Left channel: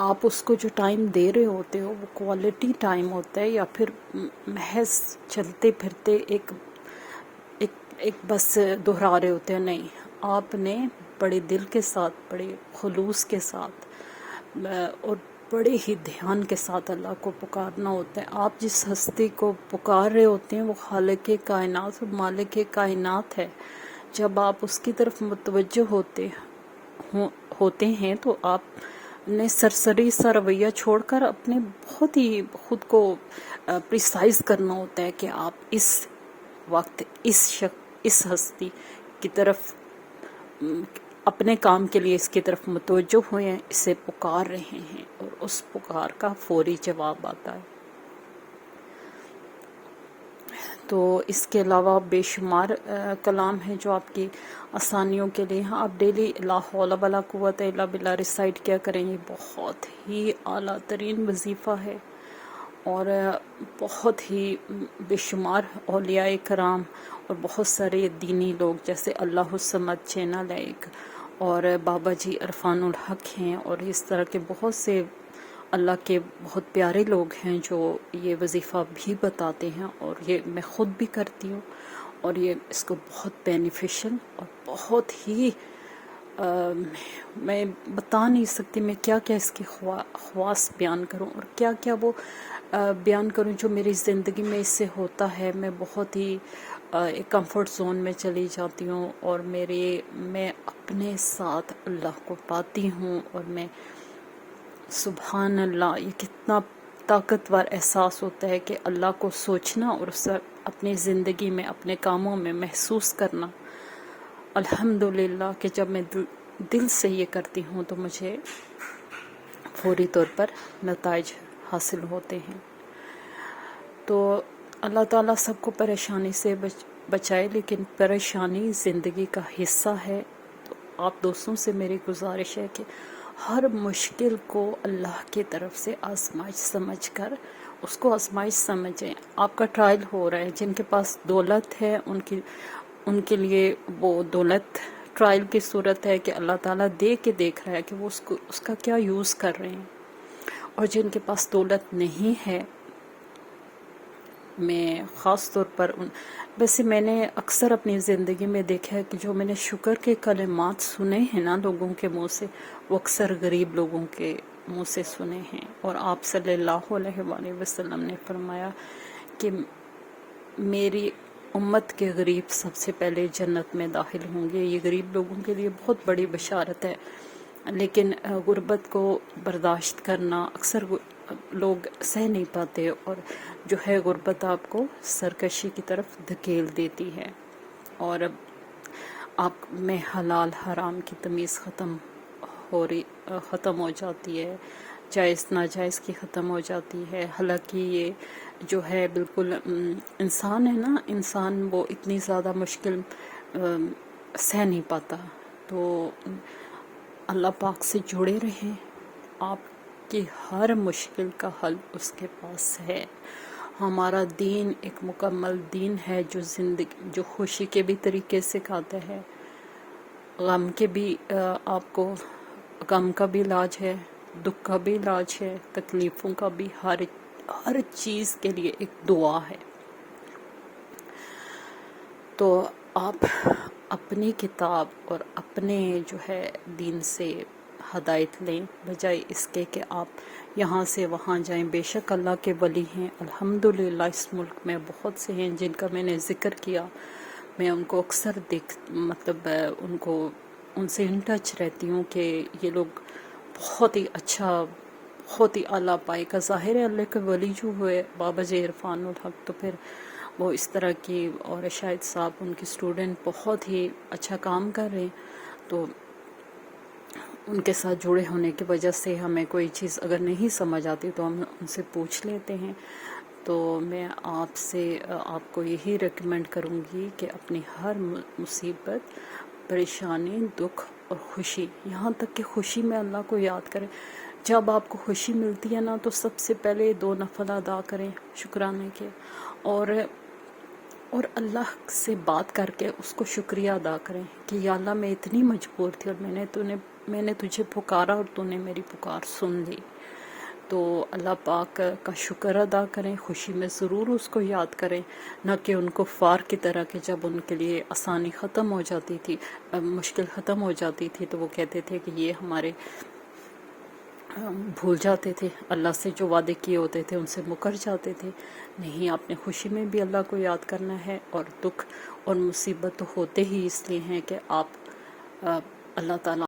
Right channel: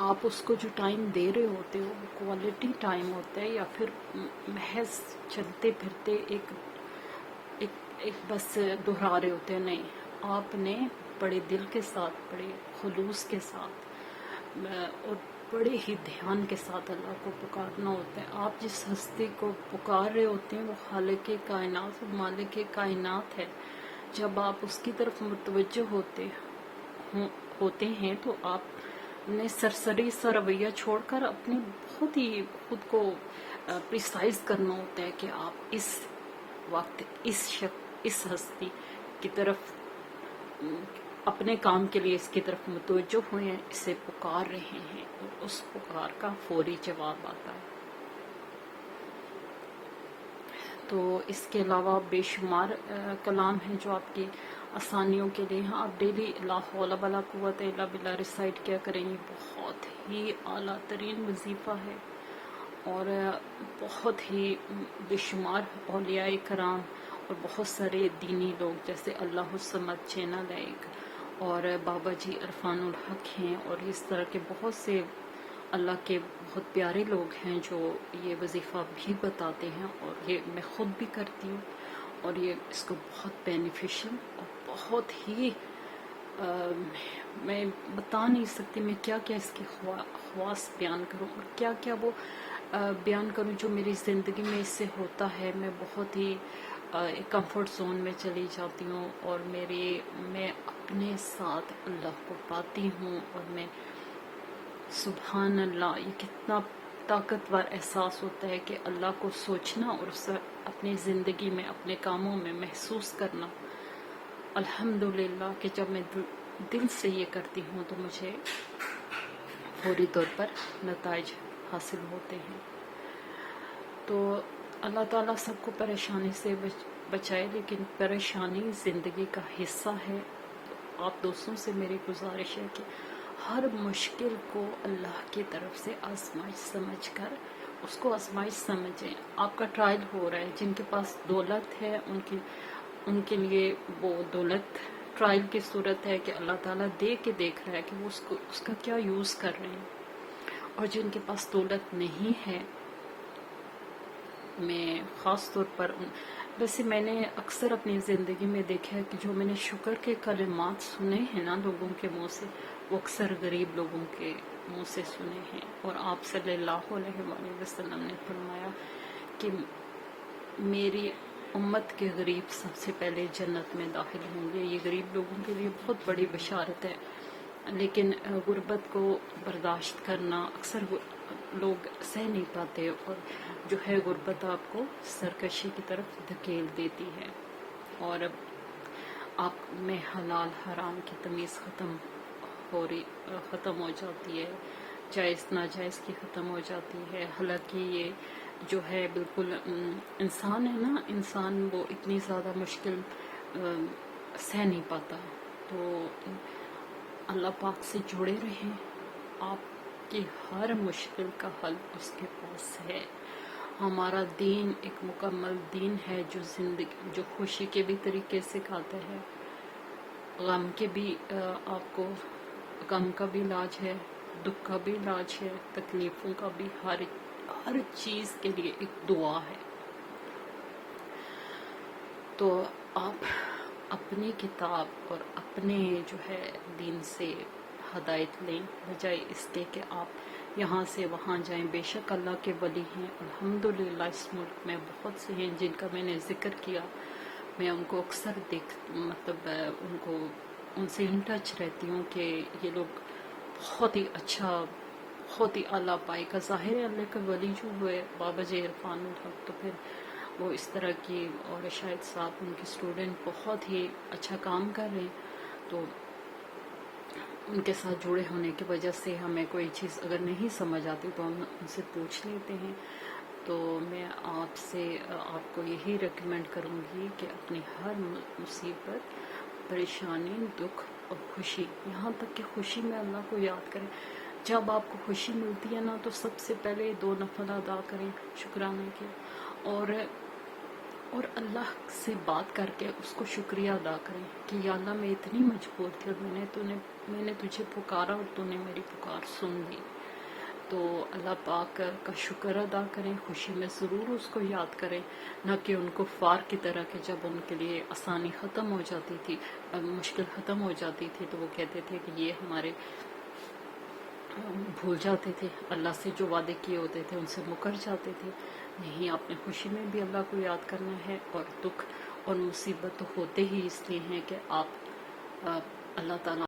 آپ اس کو جو ٹائم دے رہے ہوتے ہو وہ کوالٹی ٹائم ہوتا ہے یا پھر محض چلتے پھرتے ایک ایک ایک بس دہرا رہے ہوتے ہیں؟ نہیں، آپ نے بڑے دل کے ساتھ، بڑے خلوص کے ساتھ اور بڑے ہی دھیان کے ساتھ اللہ کو پکارنا ہوتا ہے۔ آپ جس ہستی کو پکار رہے ہوتے ہیں وہ خالق کائنات اور مالک کائنات ہے۔ جب آپ اس کی طرف متوجہ ہوتے ہیں تو آپ نے سرسری سا رویہ چھوڑ کر اپنے بہت ہی خود کو پریسائز کرنا ہوتا ہے کہ آپ اس وقت اس ہستی کی طرف اپنے کام کے لیے اس کی طرف متوجہ ہوئے ہیں، اسے پکار رہے ہیں اور اس پکار کا فوری جواب آتا ہے۔ تو اس کے علاوہ بے شمار کلام ہیں جو آپ کی آسانیوں کے لیے ہیں۔ آپ ڈیلی لا حول ولا قوت الا باللہ ریسائٹ کیا کریں، یہ بہت ہی اعلیٰ ترین وظیفہ ہے، اور بہت ہی بے شمار اولیاء کرام اور بہت سارے دینی لوگ جیسے اللہ الصمد چینل ہے ایک، اور بابا جی عرفان الحق ہیں، اور اس طرح کے بہت سے اللہ کے بہت پیارے لوگ ہیں جو یہ وظیفہ بھی بتاتے ہیں، اور یہ میں خود بھی کرتی ہوں، اور یہ اس کو بہت بینیفیشل اور بہت ہی میں بتا نہیں سکتی میں کیا کیا اس کی خواص بیان کروں اور کیا کیا وہ بیان کروں جو میری زندگی میں اس سے ہوتا ہے۔ میں بہت ہی ایک کمفرٹ زون میں چلی جاتی ہوں، اور میں اپنے ساتھ اللہ کو پاتی ہوں، اور میں سبحان اللہ، یہ کتنا طاقتور احساس ہوتا ہے کہ اللہ کو سوچنا اور اسے اپنی زندگی میں اپنے کاموں میں محسوس کرنا۔ الحمدللہ کہ جب میں دل سے یہ کرتی ہوں تو مجھے فوری طور پر نتائج حاصل ہوتے ہیں۔ تو اللہ تعالیٰ سب کو پریشانی سے بچائے، لیکن پریشانی زندگی کا حصہ ہے۔ تو آپ دوستوں سے میری گزارش ہے کہ ہر مشکل کو اللہ کی طرف سے آزمائش سمجھ کر اس کو آزمائش سمجھیں۔ آپ کا ٹرائل ہو رہا ہے، جن کے پاس دولت ہے ان کے لیے وہ دولت ٹرائل کی صورت ہے کہ اللہ تعالیٰ دے کے دیکھ رہا ہے کہ وہ اس کا کیا یوز کر رہے ہیں، اور جن کے پاس دولت نہیں ہے، میں خاص طور پر ویسے میں نے اکثر اپنی زندگی میں دیکھا ہے کہ جو میں نے شکر کے کلمات سنے ہیں نا لوگوں کے منہ سے، وہ اکثر غریب لوگوں کے منہ سے سنے ہیں، اور آپ صلی اللہ علیہ وآلہ وسلم نے فرمایا کہ میری امت کے غریب سب سے پہلے جنت میں داخل ہوں گے۔ یہ غریب لوگوں کے لیے بہت بڑی بشارت ہے، لیکن غربت کو برداشت کرنا اکثر لوگ سہ نہیں پاتے، اور جو ہے غربت آپ کو سرکشی کی طرف دھکیل دیتی ہے، اور آپ میں حلال حرام کی تمیز ختم ہو جاتی ہے، جائز ناجائز کی ختم ہو جاتی ہے۔ حالانکہ یہ جو ہے بالکل انسان ہے نا، انسان وہ اتنی زیادہ مشکل سہ نہیں پاتا، تو اللہ پاک سے جڑے رہیں، آپ کی ہر مشکل کا حل اس کے پاس ہے۔ ہمارا دین ایک مکمل دین ہے جو خوشی کے بھی طریقے سکھاتا ہے، غم کے بھی آپ کو غم کا بھی علاج ہے، دکھ کا بھی علاج ہے، تکلیفوں کا بھی، ہر چیز کے لیے ایک دعا ہے۔ تو آپ اپنی کتاب اور اپنے جو ہے دین سے ہدایت لیں، بجائے اس کے کہ آپ یہاں سے وہاں جائیں۔ بے شک اللہ کے ولی ہیں، الحمدللہ اس ملک میں بہت سے ہیں جن کا میں نے ذکر کیا، میں ان کو اکثر ان سے ان ٹچ رہتی ہوں کہ یہ لوگ بہت ہی اچھا، بہت ہی اعلیٰ پائے کا ظاہر ہے۔ اللہ کے ولی جو ہوئے بابا جی عرفان الحق، تو پھر وہ اس طرح کی، اور شاہد صاحب ان کی اسٹوڈنٹ بہت ہی اچھا کام کر رہے ہیں، تو ان کے ساتھ جڑے ہونے کی وجہ سے ہمیں کوئی چیز اگر نہیں سمجھ آتی تو ہم ان سے پوچھ لیتے ہیں۔ تو میں آپ کو یہی ریکمینڈ کروں گی کہ اپنی ہر مصیبت، پریشانی، دکھ اور خوشی، یہاں تک کہ خوشی میں اللہ کو یاد کریں۔ جب آپ کو خوشی ملتی ہے نا تو سب سے پہلے 2 نفل ادا کریں شکرانے کے، اور اللہ سے بات کر کے اس کو شکریہ ادا کریں کہ یا اللہ میں اتنی مجبور تھی اور میں نے تو نے میں نے تجھے پکارا اور تو نے میری پکار سن لی۔ تو اللہ پاک کا شکر ادا کریں، خوشی میں ضرور اس کو یاد کریں، نہ کہ ان کفار کی طرح کہ جب ان کے لیے آسانی ختم ہو جاتی تھی، مشکل ختم ہو جاتی تھی تو وہ کہتے تھے کہ یہ ہمارے بھول جاتے تھے، اللہ سے جو وعدے کیے ہوتے تھے ان سے مکر جاتے تھے۔ نہیں، آپ نے خوشی میں بھی اللہ کو یاد کرنا ہے، اور دکھ اور مصیبت تو ہوتے ہی اس لیے ہیں کہ آپ اللہ تعالیٰ